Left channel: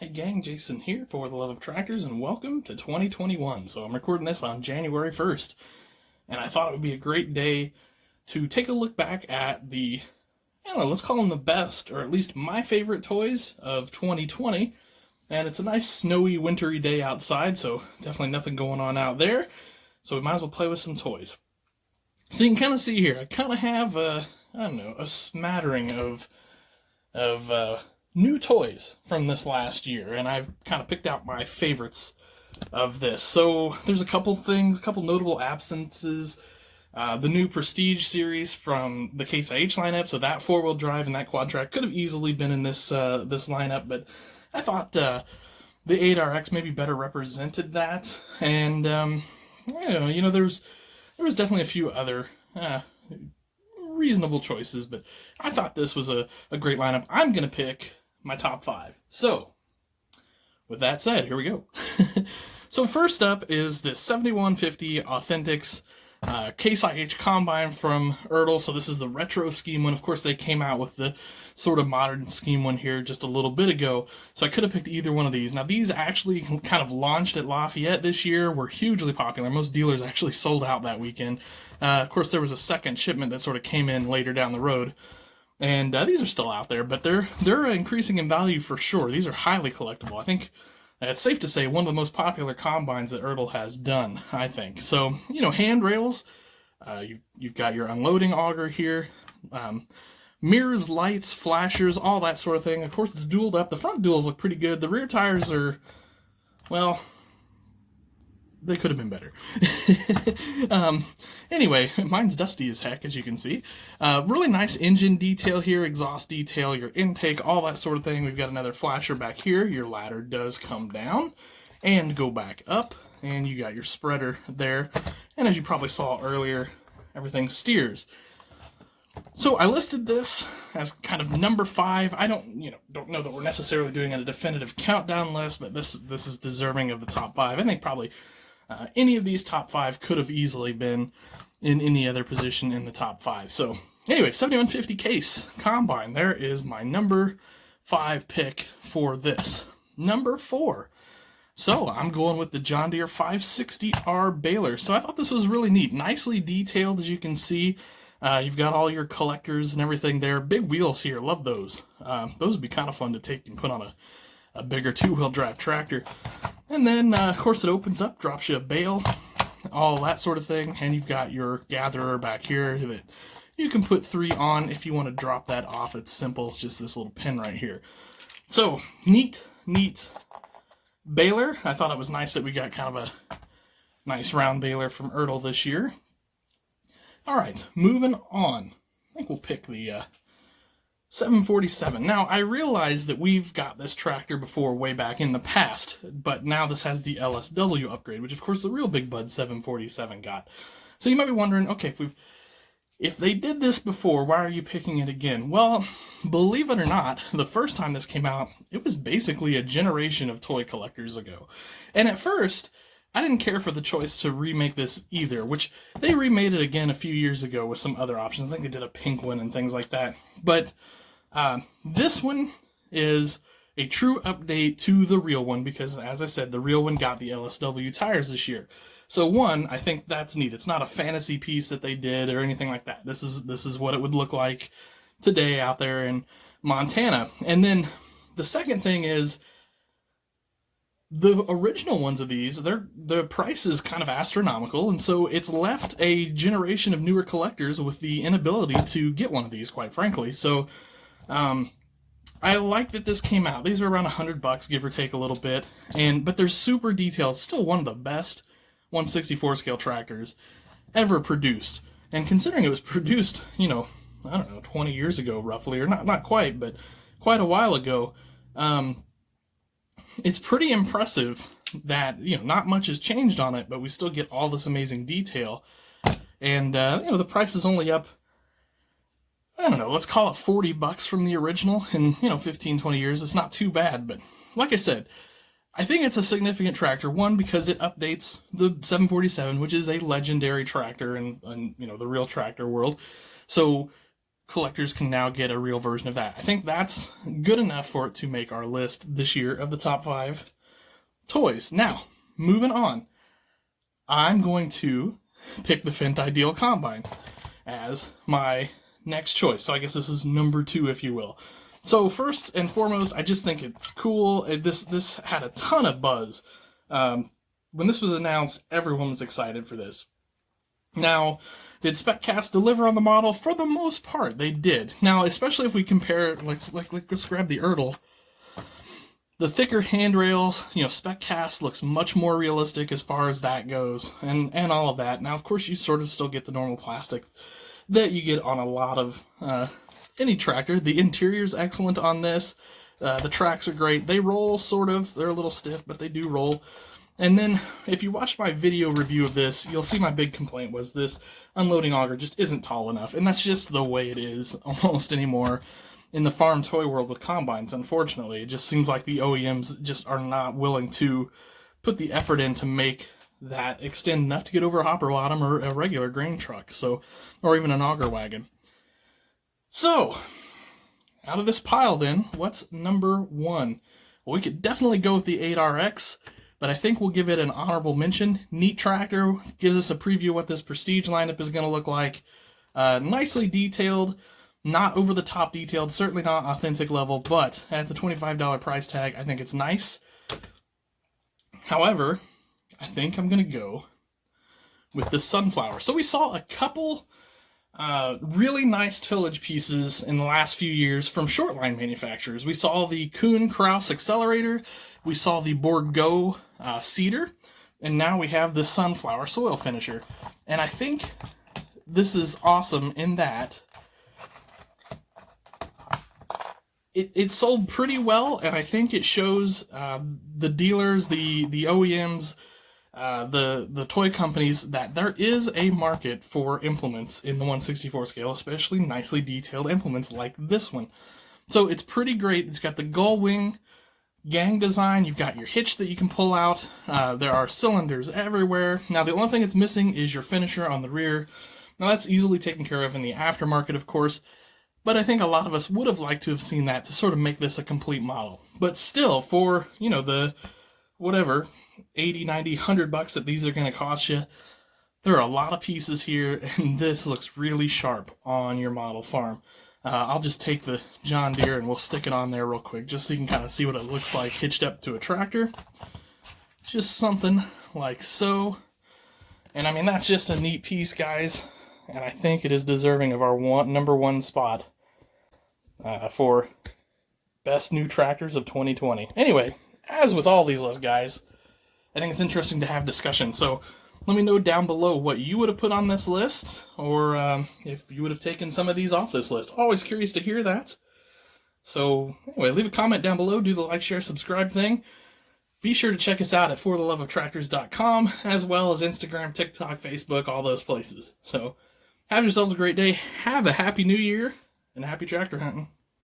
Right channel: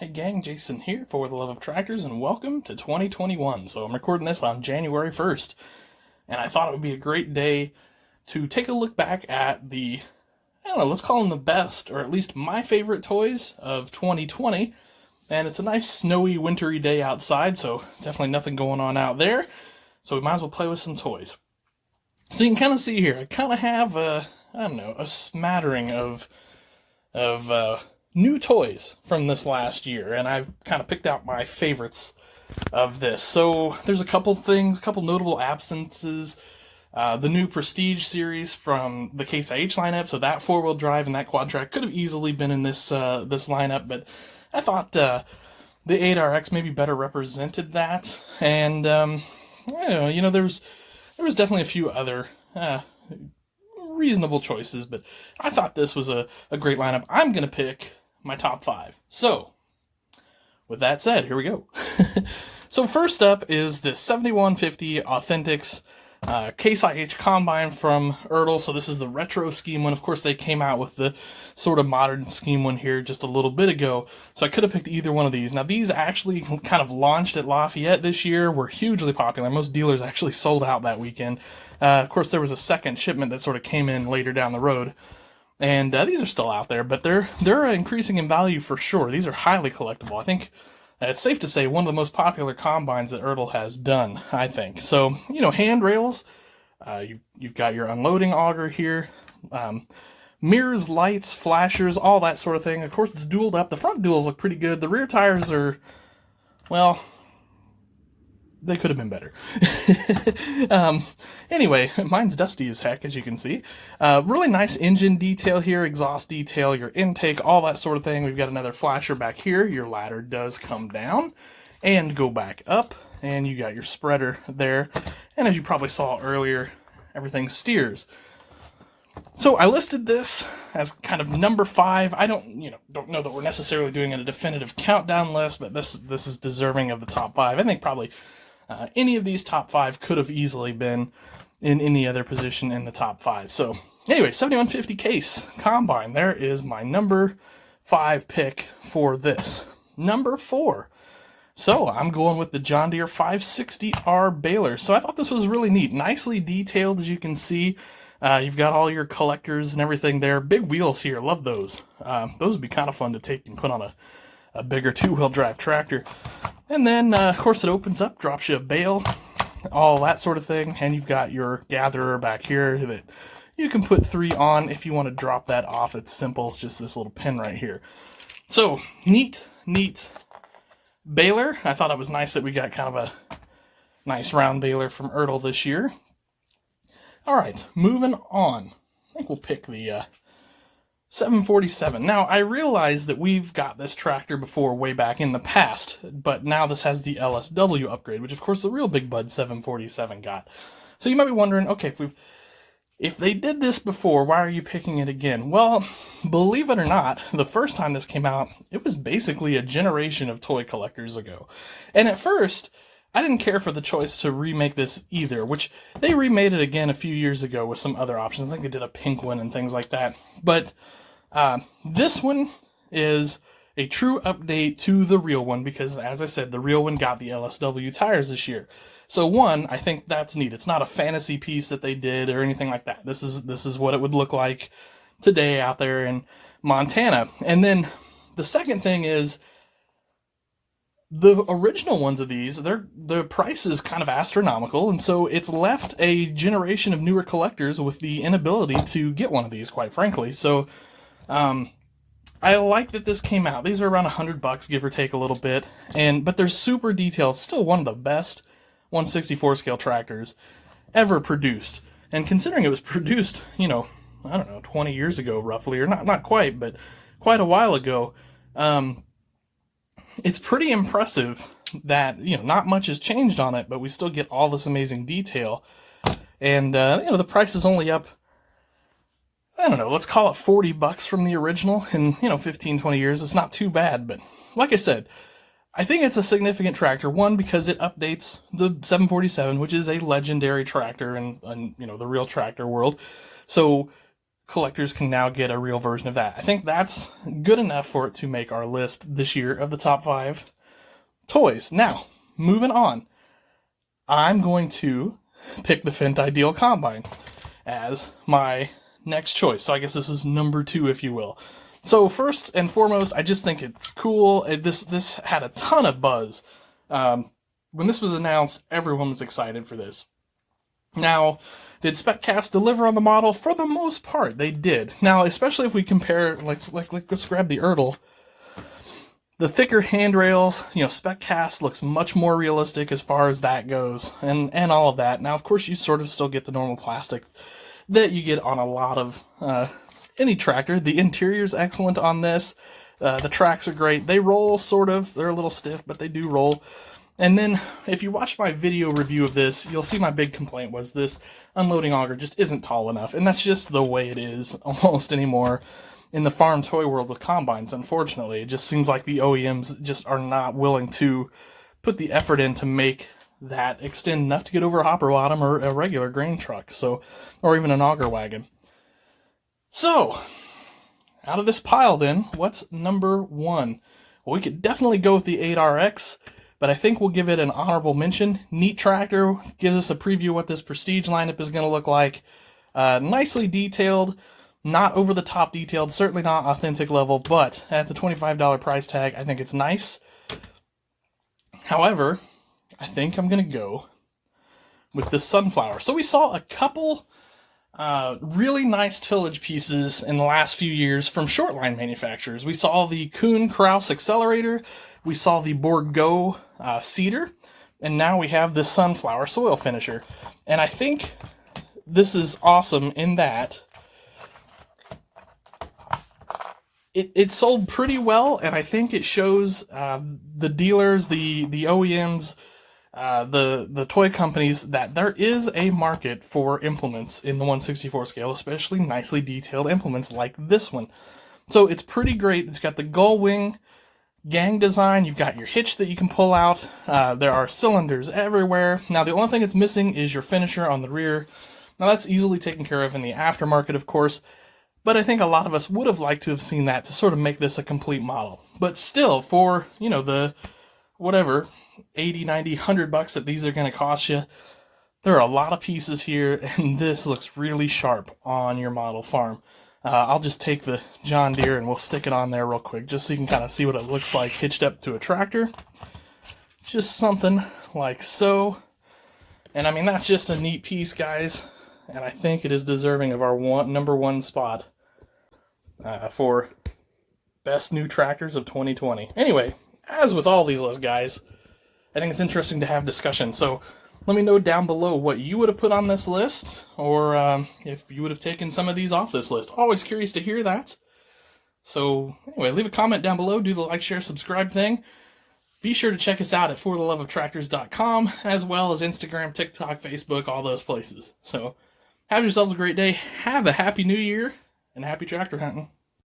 Hey gang, Jason here for the Love of Tractors, and welcome to 2021. So I'm recording this on January 1st, and I thought it would be a great day to take a look back at let's call them the best, or at least my favorite toys of 2020. And it's a nice snowy, wintry day outside, so definitely nothing going on out there. So we might as well play with some toys. So you can kind of see here, I kind of have a smattering of new toys from this last year, and I've kind of picked out my favorites of this. So there's a couple notable absences. The new Prestige series from the Ksih lineup, so that four-wheel drive and that quad track could have easily been in this lineup, but I thought the 8RX maybe better represented that. And there was definitely a few other reasonable choices, but I thought this was a great lineup. I'm going to pick my top 5. So, with that said, here we go. So first up is the 7150 Authentics Ksih Combine from Erdl. So this is the retro scheme one. Of course, they came out with the sort of modern scheme one here just a little bit ago. So I could have picked either one of these. Now, these actually kind of launched at Lafayette this year, were hugely popular. Most dealers actually sold out that weekend. Of course, there was a second shipment that sort of came in later down the road. And these are still out there, but they're increasing in value for sure. These are highly collectible. I think it's safe to say one of the most popular combines that Erdl has done, I think. So, handrails, you've got your unloading auger here, mirrors, lights, flashers, all that sort of thing. Of course, it's dualed up. The front duals look pretty good. The rear tires are, well, they could have been better. Anyway, mine's dusty as heck, as you can see. Really nice engine detail here, exhaust detail, your intake, all that sort of thing. We've got another flasher back here. Your ladder does come down and go back up, and you got your spreader there. And as you probably saw earlier, everything steers. So I listed this as kind of number 5. I don't know that we're necessarily doing a definitive countdown list, but this is deserving of the top 5. I think probably any of these top 5 could have easily been in any other position in the top 5. So anyway, 7150 Case Combine. There is my number 5 pick for this. Number 4. So I'm going with the John Deere 560R Baler. So I thought this was really neat. Nicely detailed, as you can see. You've got all your collectors and everything there. Big wheels here. Love those. Those would be kind of fun to take and put on a bigger two-wheel drive tractor. And then, of course, it opens up, drops you a bale, all that sort of thing. And you've got your gatherer back here that you can put 3 on if you want to drop that off. It's simple. It's just this little pin right here. So, neat baler. I thought it was nice that we got kind of a nice round baler from Erdl this year. All right, moving on. I think we'll pick the 747. Now, I realize that we've got this tractor before way back in the past, but now this has the LSW upgrade, which of course the real big bud 747 got. So you might be wondering, okay, if they did this before, why are you picking it again? Well, believe it or not, the first time this came out, it was basically a generation of toy collectors ago. And at first, I didn't care for the choice to remake this either, which they remade it again a few years ago with some other options. I think they did a pink one and things like that. But this one is a true update to the real one because, as I said, the real one got the LSW tires this year. So one, I think that's neat. It's not a fantasy piece that they did or anything like that. This is what it would look like today out there in Montana. And then the second thing is the original ones of these, the price is kind of astronomical, and so it's left a generation of newer collectors with the inability to get one of these, quite frankly. So I like that this came out. These are around $100, give or take a little bit, but they're super detailed. Still one of the best 1/64 scale tractors ever produced. And considering it was produced, I don't know, 20 years ago roughly, or not quite, but quite a while ago, it's pretty impressive that, not much has changed on it, but we still get all this amazing detail. And, the price is only up, I don't know, let's call it $40 from the original in, 15, 20 years. It's not too bad, but like I said, I think it's a significant tractor. One, because it updates the 747, which is a legendary tractor in the real tractor world. So collectors can now get a real version of that. I think that's good enough for it to make our list this year of the top 5 toys. Now, moving on, I'm going to pick the Fent Ideal Combine as my next choice. So I guess this is number 2, if you will. So first and foremost, I just think it's cool. This had a ton of buzz. When this was announced, everyone was excited for this. Now, did SpecCast deliver on the model? For the most part, they did. Now, especially if we compare, let's grab the Erdl. The thicker handrails, SpecCast looks much more realistic as far as that goes, and all of that. Now, of course, you sort of still get the normal plastic that you get on a lot of any tractor. The interior's excellent on this. The tracks are great. They roll, sort of. They're a little stiff, but they do roll. And then, if you watch my video review of this, you'll see my big complaint was this unloading auger just isn't tall enough. And that's just the way it is almost anymore in the farm toy world with combines, unfortunately. It just seems like the OEMs just are not willing to put the effort in to make that extend enough to get over a hopper bottom or a regular grain truck, or even an auger wagon. So, out of this pile then, what's number 1? Well, we could definitely go with the 8RX, but I think we'll give it an honorable mention. Neat tractor, gives us a preview of what this Prestige lineup is going to look like. Nicely detailed, not over the top detailed, certainly not authentic level, but at the $25 price tag, I think it's nice. However, I think I'm going to go with the Sunflower. So we saw a couple really nice tillage pieces in the last few years from shortline manufacturers. We saw the Kuhn Krause accelerator, we saw the Bourgault seeder, and now we have the Sunflower soil finisher. And I think this is awesome in that it sold pretty well, and I think it shows the dealers, the OEMs, the toy companies, that there is a market for implements in the 1/64 scale, especially nicely detailed implements like this one. So it's pretty great. It's got the gull wing gang design. You've got your hitch that you can pull out. There are cylinders everywhere. Now, the only thing it's missing is your finisher on the rear. Now, that's easily taken care of in the aftermarket, of course, but I think a lot of us would have liked to have seen that to sort of make this a complete model. But still, for, the whatever, 80, 90, 100 bucks that these are going to cost you, there are a lot of pieces here, and this looks really sharp on your model farm. I'll just take the John Deere and we'll stick it on there real quick, just so you can kind of see what it looks like hitched up to a tractor. Just something like so. And I mean, that's just a neat piece, guys, and I think it is deserving of our number 1 spot for best new tractors of 2020. Anyway, as with all these lists, guys, I think it's interesting to have discussion. So let me know down below what you would have put on this list, or if you would have taken some of these off this list. Always curious to hear that. So anyway, leave a comment down below. Do the like, share, subscribe thing. Be sure to check us out at fortheloveoftractors.com, as well as Instagram, TikTok, Facebook, all those places. So have yourselves a great day. Have a happy new year, and happy tractor hunting.